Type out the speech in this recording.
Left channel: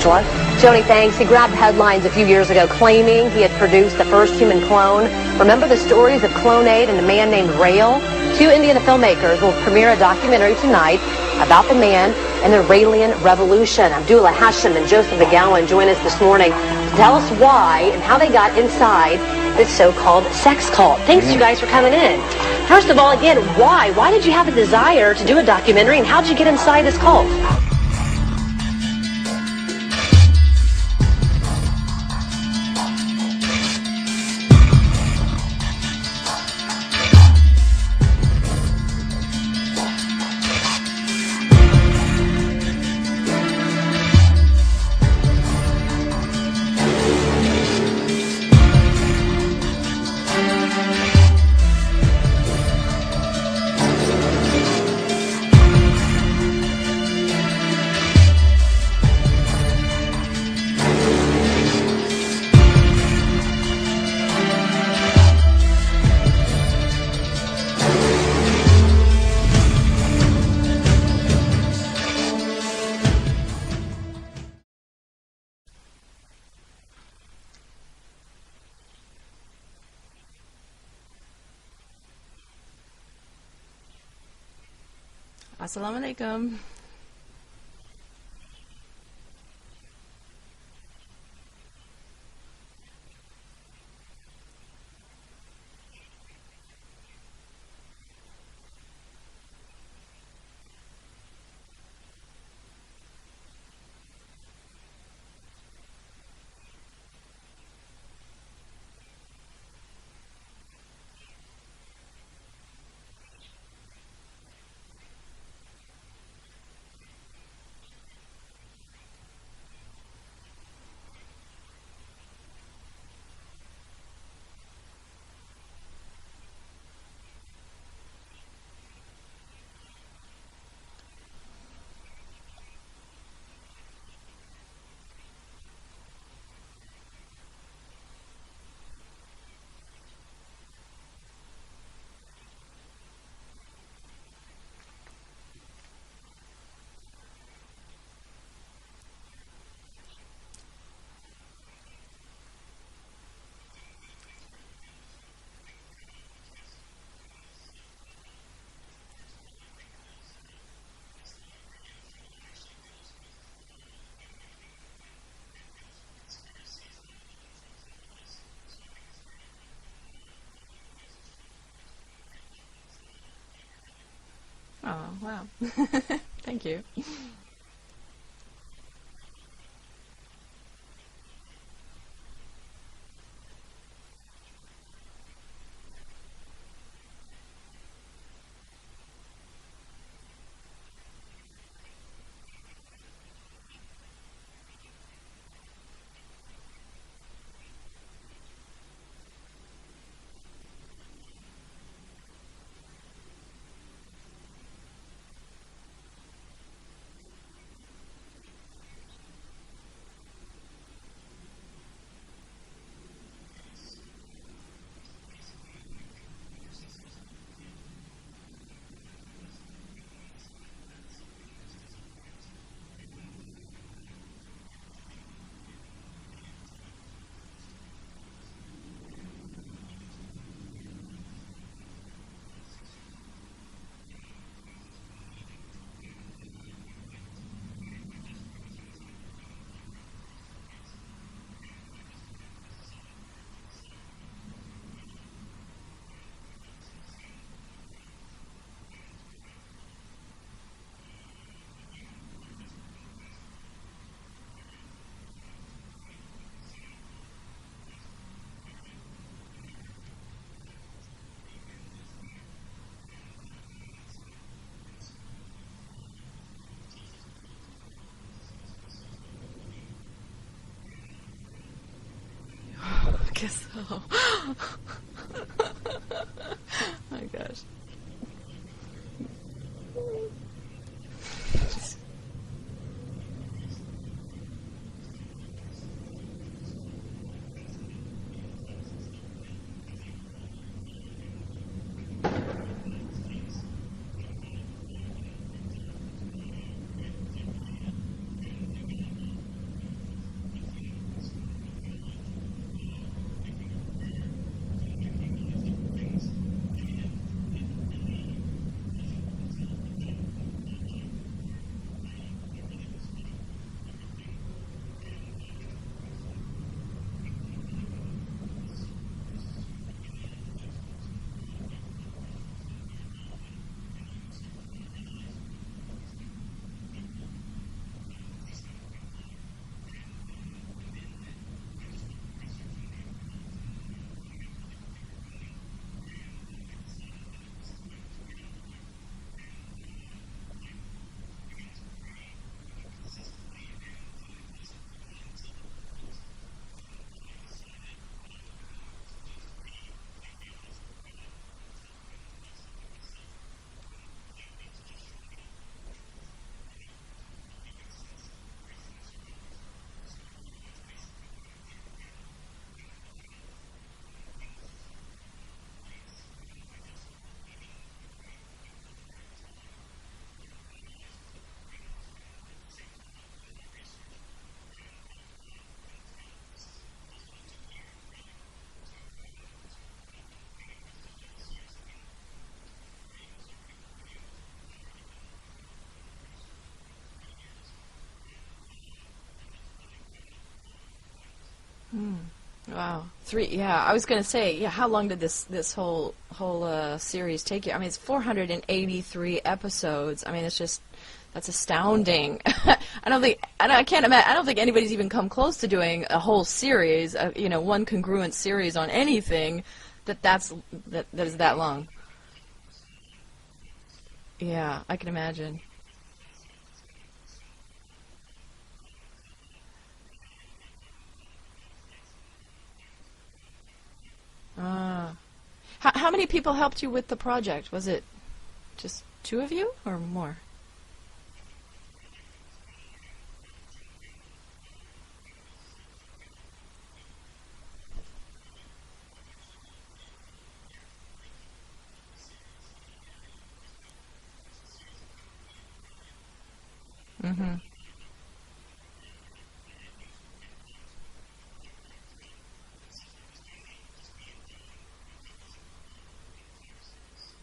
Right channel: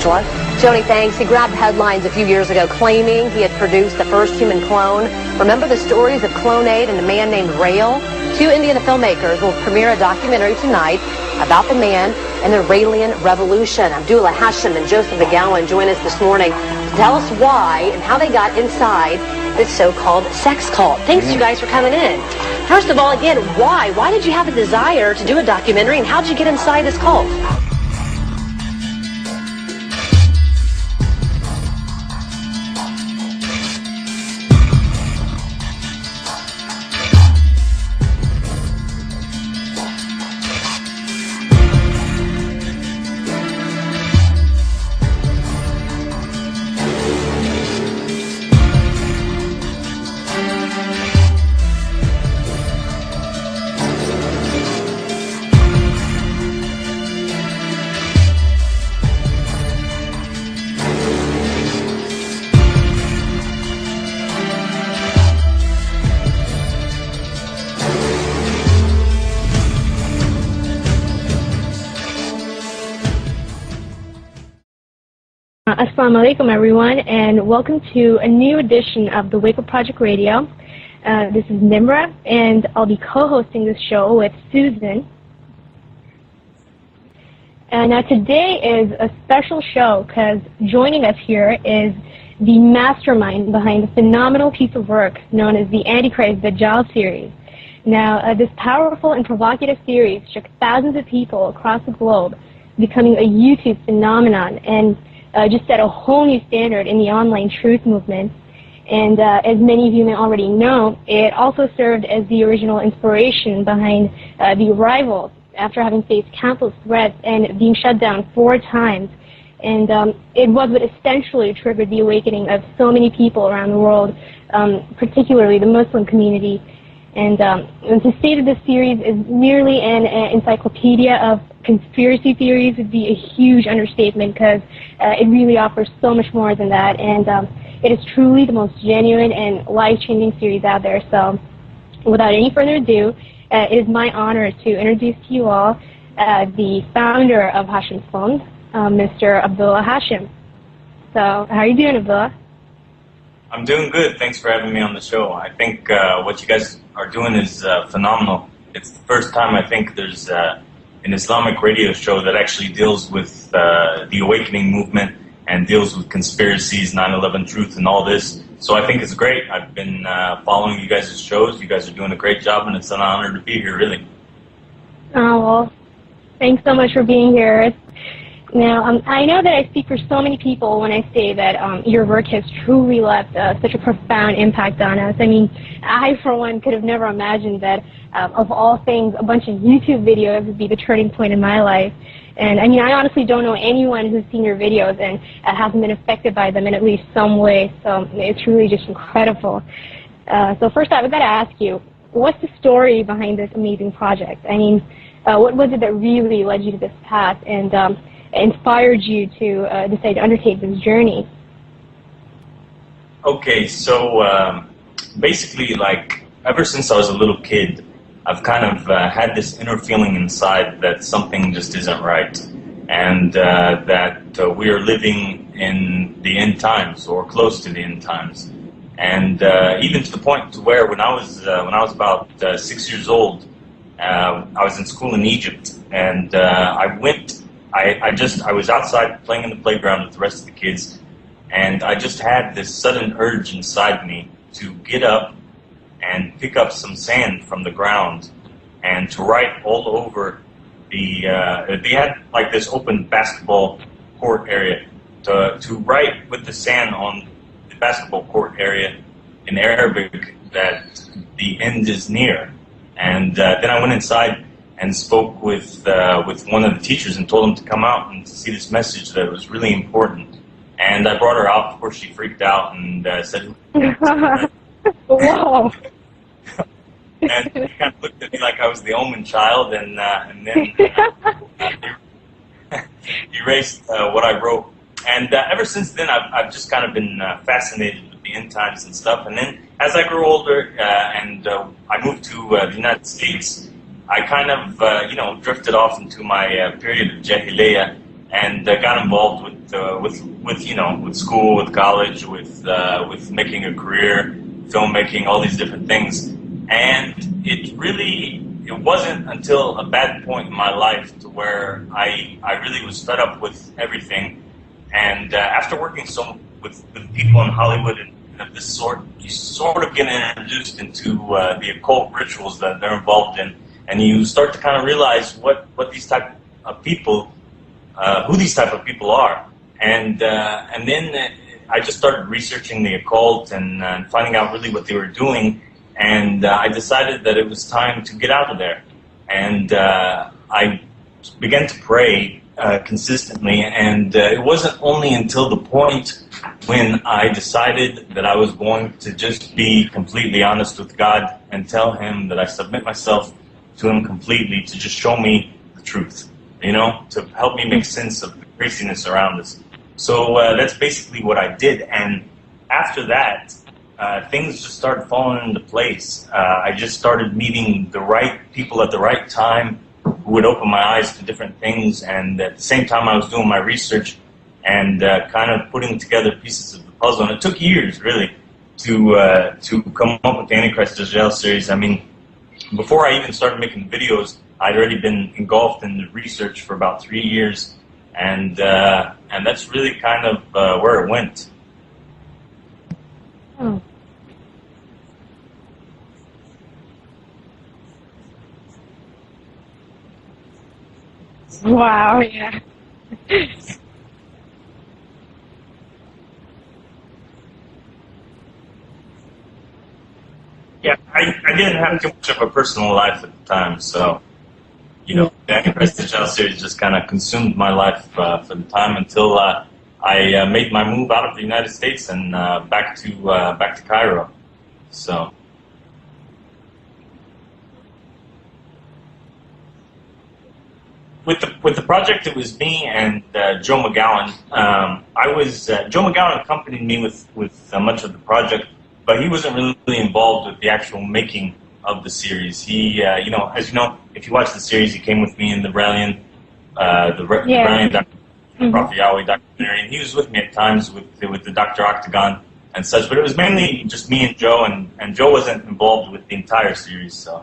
Angela. Joni, thanks. He grabbed headlines a few years ago claiming he had produced the first human clone. Remember the stories of Clone8 and a man named Rail? Two Indian filmmakers will premiere a documentary tonight about the man and the Raelian Revolution. Abdullah Hashem and Joseph McGowan join us this morning to tell us why and how they got inside this so-called sex cult. Thanks, you guys, for coming in. First of all, again, why? Why did you have a desire to do a documentary, and how did you get inside this cult? Assalamu alaikum, everyone, and welcome to a new edition of the Wake Up Project Radio. This is Nimra, and I'll be co-hosting this show with Susan. Assalamu alaikum. Now today is a special show because joining us here is the mastermind behind the phenomenal piece of work known as the Antichrist Dajjal series. Now, this powerful and provocative series shook thousands of people across the globe, becoming a YouTube phenomenon, and just set a whole new standard in the online truth movement. And as many of you may already know, it also served as the original inspiration behind the arrival after having faced countless threats and being shut down 4 times. And it was what essentially triggered the awakening of so many people around the world, particularly the Muslim community. And to say that this series is merely an encyclopedia of conspiracy theories would be a huge understatement, because it really offers so much more than that, and it is truly the most genuine and life-changing series out there. So without any further ado, it is my honor to introduce to you all the founder of Hashem's Fund, Mr. Abdullah Hashem. So how are you doing, Abdullah? I'm doing good. Thanks for having me on the show. I think what you guys are doing is phenomenal. It's the first time I think there's an Islamic radio show that actually deals with the awakening movement and deals with conspiracies, 9/11 truth, and all this. So I think it's great. I've been following you guys' shows. You guys are doing a great job, and it's an honor to be here, really. Oh, well, thanks so much for being here. Now, I know that I speak for so many people when I say that your work has truly left such a profound impact on us. I mean, I, for one, could have never imagined that, of all things, a bunch of YouTube videos would be the turning point in my life. And, I mean, I honestly don't know anyone who's seen your videos and hasn't been affected by them in at least some way. So it's really just incredible. So first, I've got to ask you, what's the story behind this amazing project? I mean, what was it that really led you to this path and inspired you to decide to undertake this journey? Okay, so basically, like, ever since I was a little kid, I've kind of had this inner feeling inside that something just isn't right, and that we are living in the end times, or close to the end times. And even to the point to where when I was about 6 years old, I was in school in Egypt, and I was outside playing in the playground with the rest of the kids, and I just had this sudden urge inside me to get up and pick up some sand from the ground and to write all over the, they had like this open basketball court area, to write with the sand on the basketball court area in Arabic that the end is near. And then I went inside and spoke with one of the teachers and told him to come out and to see this message that was really important. And I brought her out. Of course, she freaked out and said, Wow. And she kind of looked at me like I was the omen child, and then erased what I wrote. And ever since then, I've just kind of been fascinated with the end times and stuff. And then as I grew older and I moved to the United States, I kind of, drifted off into my period of Jahiliyyah, and got involved with you know, with school, with college, with making a career, filmmaking, all these different things. And it wasn't until a bad point in my life to where I really was fed up with everything. And after working with people in Hollywood and of this sort, you sort of get introduced into the occult rituals that they're involved in, and you start to kind of realize what these type of people, who these type of people are, and then I just started researching the occult and finding out really what they were doing, and I decided that it was time to get out of there, and I began to pray consistently, and it wasn't only until the point when I decided that I was going to just be completely honest with God and tell Him that I submit myself to Him completely to just show me the truth, you know, to help me make sense of the craziness around us. So that's basically what I did, and after that, things just started falling into place. I just started meeting the right people at the right time who would open my eyes to different things, and at the same time I was doing my research and kind of putting together pieces of the puzzle. And it took years, really, to come up with the Antichrist Dajjal series. I mean, before I even started making videos, I'd already been engulfed in the research for about 3 years, and that's really kind of where it went. Wow. Yeah, I was going to say, yeah, how long did this whole series take you? I mean, it's 483 episodes. I mean, that's astounding. Wow. Yeah. I can't imagine. I don't think anybody's even come close to doing a whole series, one congruent series on anything. Yeah, I didn't have too much of a personal life at the time, so yeah, I can imagine. The Antichrist Dajjal series just kind of consumed my life for the time until I made my move out of the United States and back to Cairo. So, how many people helped you with the project? Was it just 2 of you or more? With the project, it was me and Joe McGowan. Joe McGowan accompanied me with much of the project, but he wasn't really involved with the actual making of the series. He, as you know, if you watch the series, he came with me in the Brilliant, Prophet Yahweh documentary, and he was with me at times with the Dr. Octagon and such. But it was mainly just me and Joe, and Joe wasn't involved with the entire series. So.